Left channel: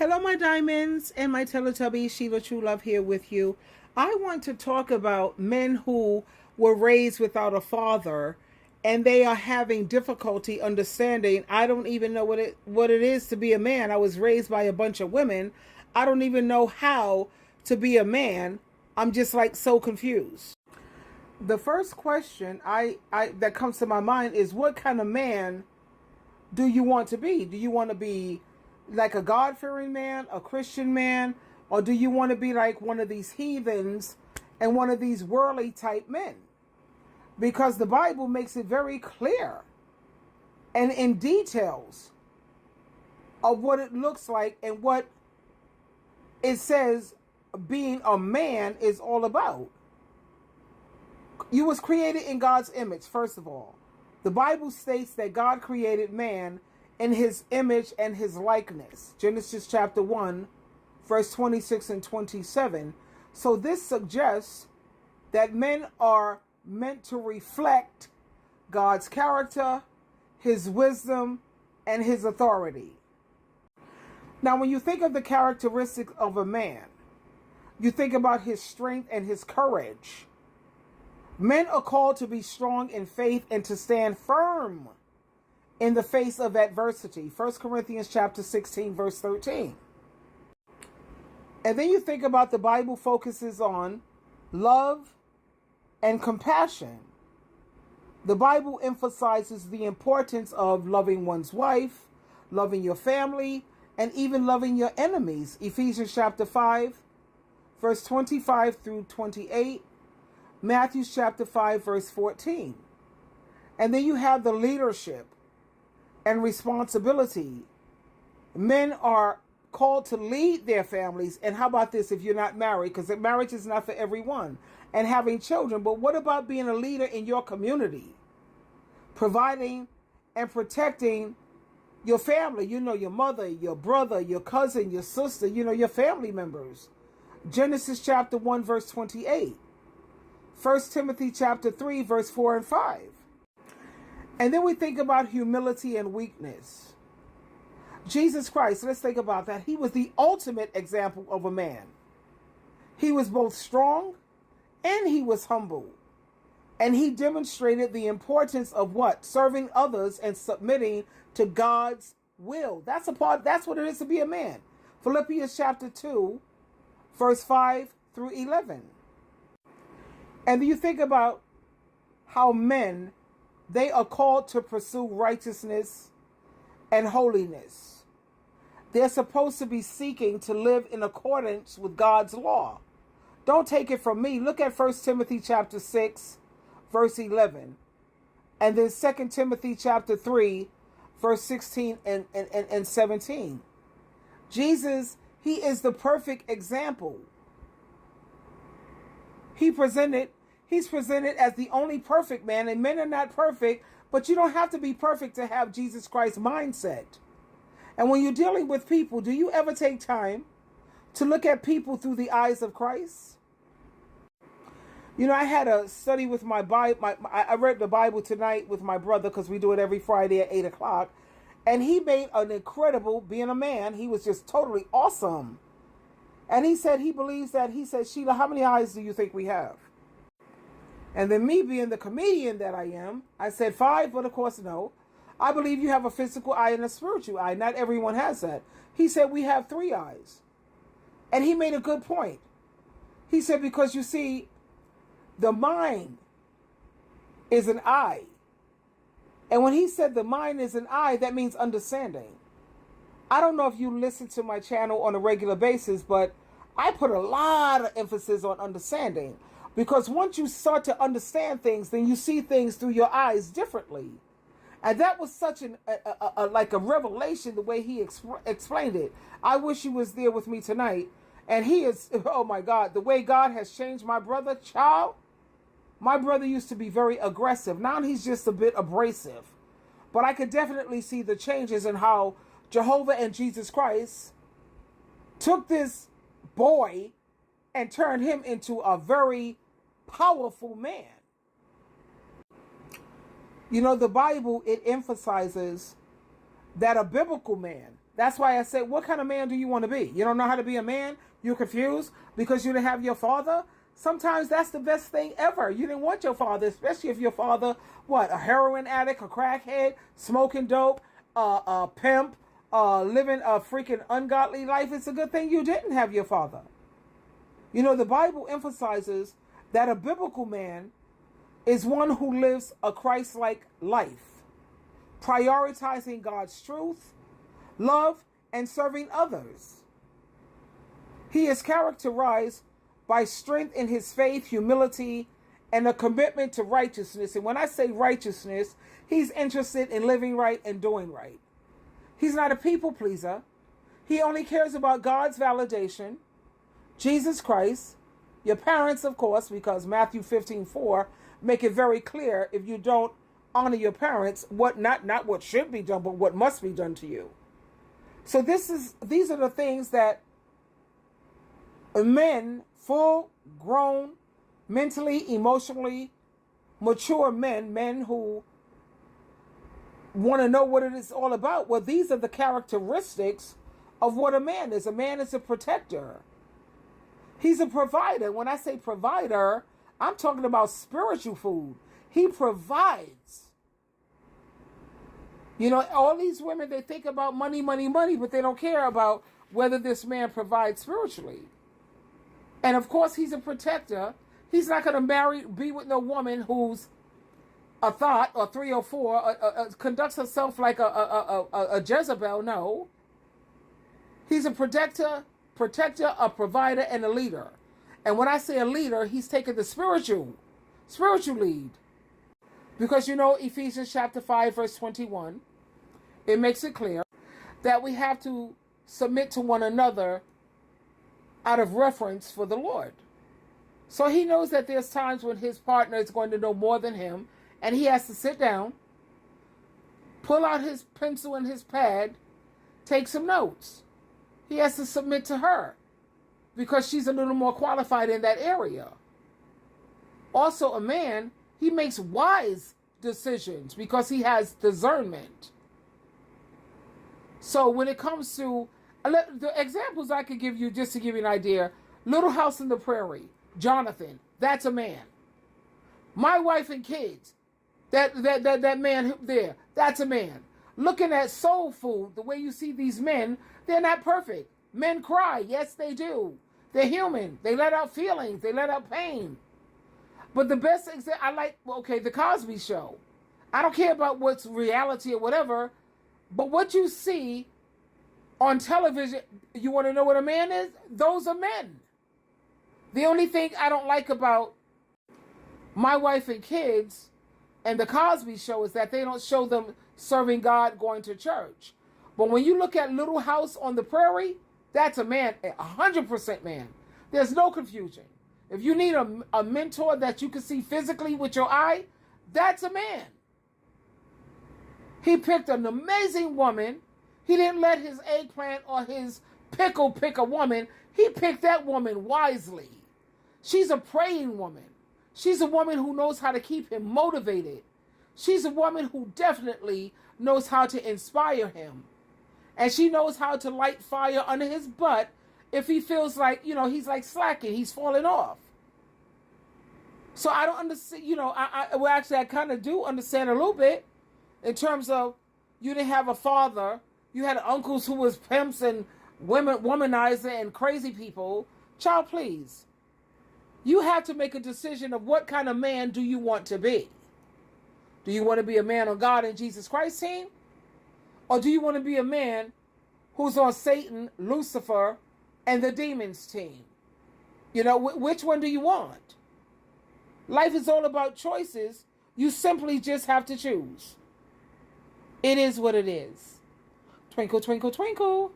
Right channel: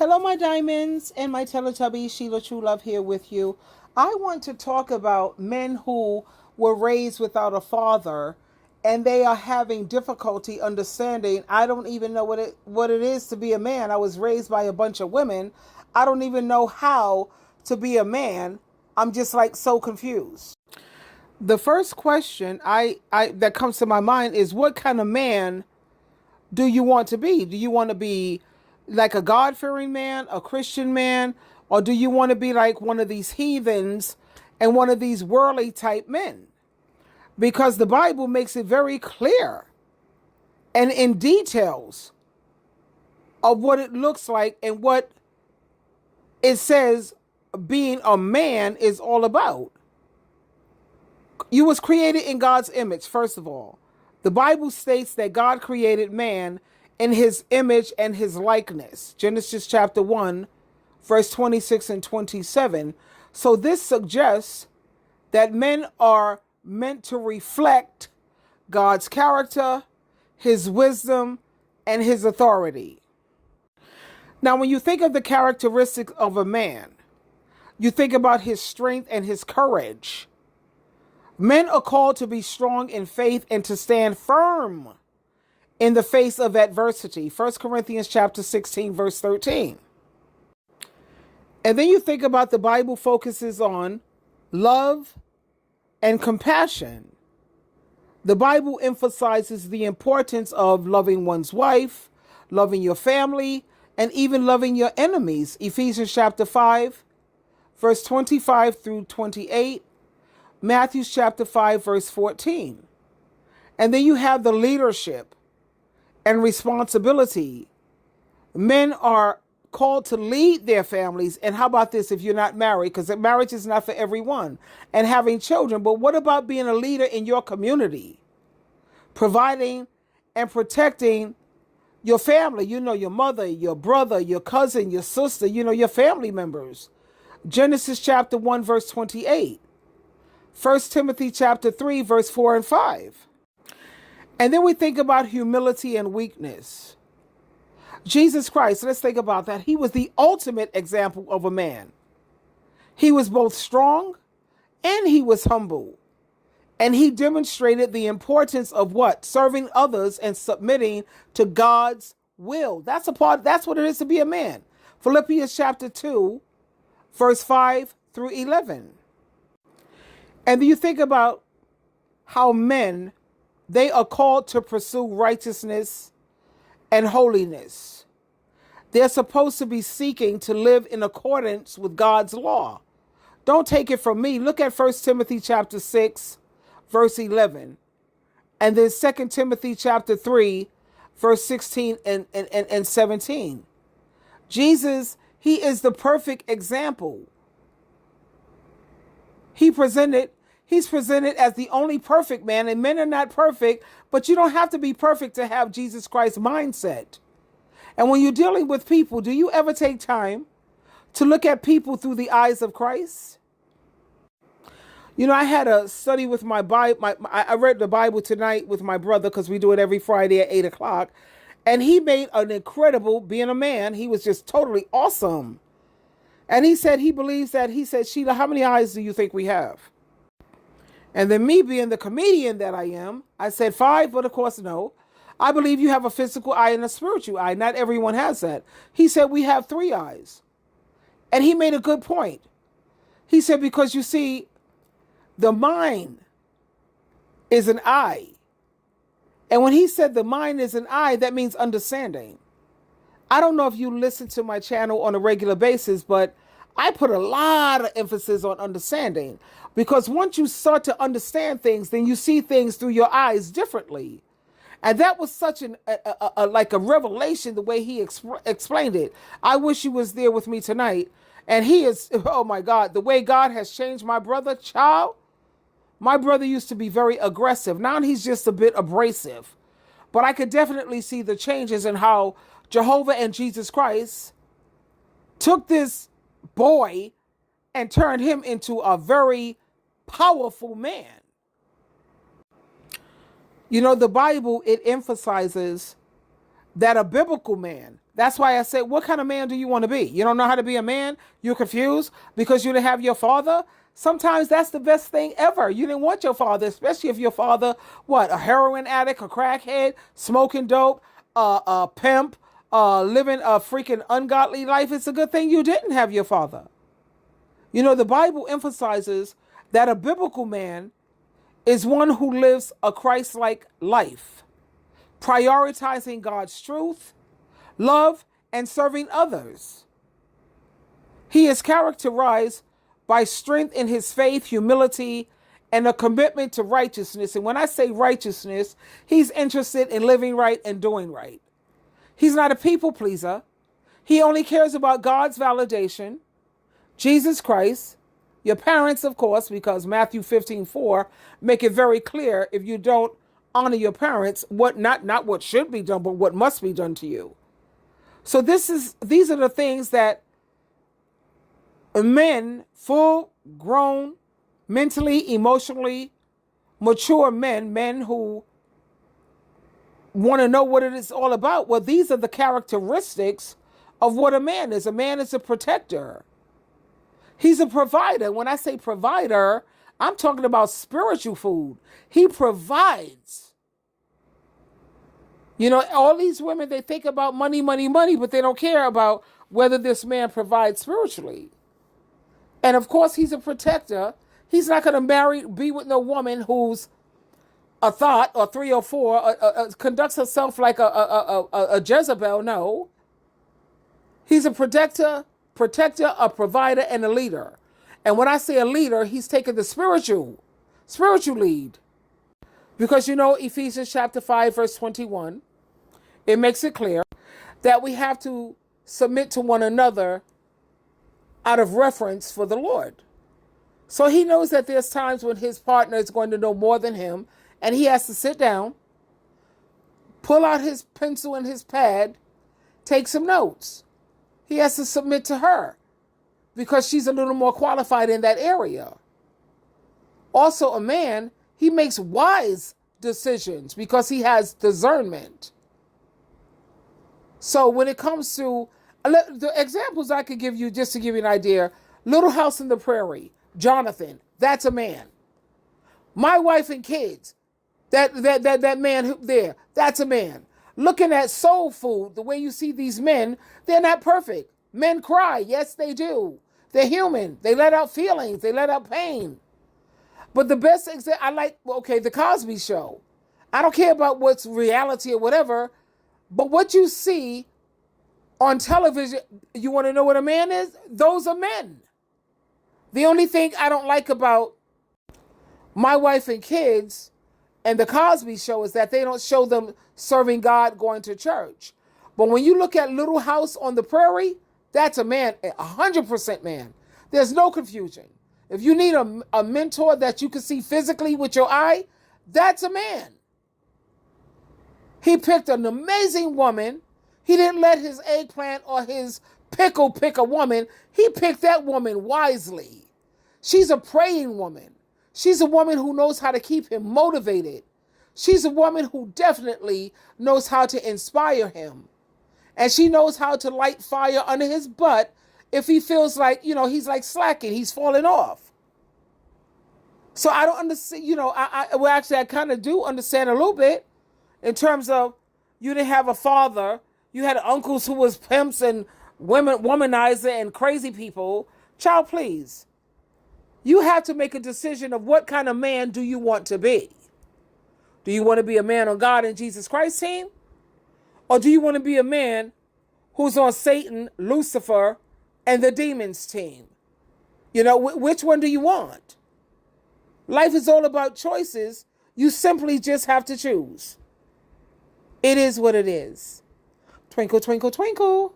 Hello, my diamonds and my Teletubbies. SheilaTruelove here with you. I want to talk about men who were raised without a father and they are having difficulty understanding. I don't even know what it is to be a man. I was raised by a bunch of women. I don't even know how to be a man. I'm just like so confused. The first question I that comes to my mind is, what kind of man do you want to be? Do you want to be like a God-fearing man, a Christian man, or do you want to be like one of these heathens and one of these worldly type men? Because the Bible makes it very clear and in details of what it looks like and what it says being a man is all about. You was created in God's image, first of all. The Bible states that God created man in his image and his likeness. Genesis chapter 1, verse 26 and 27. So this suggests that men are meant to reflect God's character, his wisdom, and his authority. Now, when you think of the characteristics of a man, you think about his strength and his courage. Men are called to be strong in faith and to stand firm in the face of adversity. 1 Corinthians chapter 16, verse 13. And then you think about the Bible focuses on love and compassion. The Bible emphasizes the importance of loving one's wife, loving your family, and even loving your enemies. Ephesians chapter 5, verse 25 through 28. Matthew chapter 5, verse 14. And then you have the leadership and responsibility. Men are called to lead their families. And how about this if you're not married? Because marriage is not for everyone. And having children. But what about being a leader in your community? Providing and protecting your family. You know, your mother, your brother, your cousin, your sister, you know, your family members. Genesis chapter 1, verse 28. 1 Timothy chapter 3, verse 4 and 5. And then we think about humility and weakness. Jesus Christ, let's think about that. He was the ultimate example of a man. He was both strong and he was humble. And he demonstrated the importance of what? Serving others and submitting to God's will. That's what it is to be a man. Philippians chapter 2, verse 5 through 11. And you think about how men, they are called to pursue righteousness and holiness. They're supposed to be seeking to live in accordance with God's law. Don't take it from me. Look at 1 Timothy chapter 6, verse 11. And then 2 Timothy chapter 3, verse 16 and 17. Jesus, he is the perfect example. He's presented as the only perfect man, and men are not perfect, but you don't have to be perfect to have Jesus Christ's mindset. And when you're dealing with people, do you ever take time to look at people through the eyes of Christ? You know, I had a study with my Bible. I read the Bible tonight with my brother because we do it every Friday at 8 o'clock. And he made an incredible, being a man, he was just totally awesome. And he said he believes that, he said, Sheila, how many eyes do you think we have? And then me being the comedian that I am, I said 5, but of course, no. I believe you have a physical eye and a spiritual eye. Not everyone has that. He said we have 3 eyes. And he made a good point. He said, because you see, the mind is an eye. And when he said the mind is an eye, that means understanding. I don't know if you listen to my channel on a regular basis, but I put a lot of emphasis on understanding, because once you start to understand things, then you see things through your eyes differently. And that was such like a revelation, the way he explained it. I wish he was there with me tonight. And he is, oh my God, the way God has changed my brother, child. My brother used to be very aggressive. Now he's just a bit abrasive. But I could definitely see the changes in how Jehovah and Jesus Christ took this boy and turned him into a very powerful man. You know, the Bible, it emphasizes that a biblical man, That's why I said, what kind of man do you want to be? You don't know how to be a man? You're confused because you didn't have your father? Sometimes that's the best thing ever. You didn't want your father, especially if your father, what, a heroin addict, a crackhead, smoking dope, a pimp, living a freaking ungodly life. It's a good thing you didn't have your father. You know, the Bible emphasizes that a biblical man is one who lives a Christ-like life, prioritizing God's truth, love, and serving others. He is characterized by strength in his faith, humility, and a commitment to righteousness. And when I say righteousness, he's interested in living right and doing right. He's not a people pleaser. He only cares about God's validation, Jesus Christ, your parents, of course, because Matthew 15:4 make it very clear, if you don't honor your parents, what not what should be done, but what must be done to you. So these are the things that men, full grown, mentally, emotionally mature men who want to know what it is all about. Well, these are the characteristics of what a man is. A man is a protector. He's a provider. When I say provider, I'm talking about spiritual food. He provides. You know, all these women, they think about money, money, money, but they don't care about whether this man provides spiritually. And of course, he's a protector. He's not going to be with no woman who's a thought or 3 or 4, conducts herself like a Jezebel. No. He's a protector, a provider, and a leader. And when I say a leader, he's taking the spiritual lead. Because you know, Ephesians chapter 5, verse 21, it makes it clear that we have to submit to one another out of reverence for the Lord. So he knows that there's times when his partner is going to know more than him, and he has to sit down, pull out his pencil and his pad, take some notes. He has to submit to her because she's a little more qualified in that area. Also, a man, he makes wise decisions because he has discernment. So when it comes to the examples I could give you, just to give you an idea, Little House on the Prairie, Jonathan, that's a man. My Wife and Kids, that man there, that's a man. Looking at Soul Food, the way you see these men, they're not perfect. Men cry, yes they do. They're human. They let out feelings. They let out pain. But the best example, I like, the Cosby Show. I don't care about what's reality or whatever, but what you see on television, you want to know what a man is? Those are men. The only thing I don't like about My Wife and Kids and the Cosby Show is that they don't show them serving God, going to church. But when you look at Little House on the Prairie, that's a man, 100% man. There's no confusion. If you need a mentor that you can see physically with your eye, that's a man. He picked an amazing woman. He didn't let his eggplant or his pickle pick a woman. He picked that woman wisely. She's a praying woman. She's a woman who knows how to keep him motivated. She's a woman who definitely knows how to inspire him. And she knows how to light fire under his butt if he feels like, he's like slacking, he's falling off. So I don't understand, I kind of do understand a little bit in terms of you didn't have a father. You had uncles who was pimps and womanizer and crazy people. Child, please. You have to make a decision of what kind of man do you want to be. Do you want to be a man on God and Jesus Christ's team? Or do you want to be a man who's on Satan, Lucifer, and the demons team? Which one do you want? Life is all about choices. You simply just have to choose. It is what it is. Twinkle, twinkle, twinkle.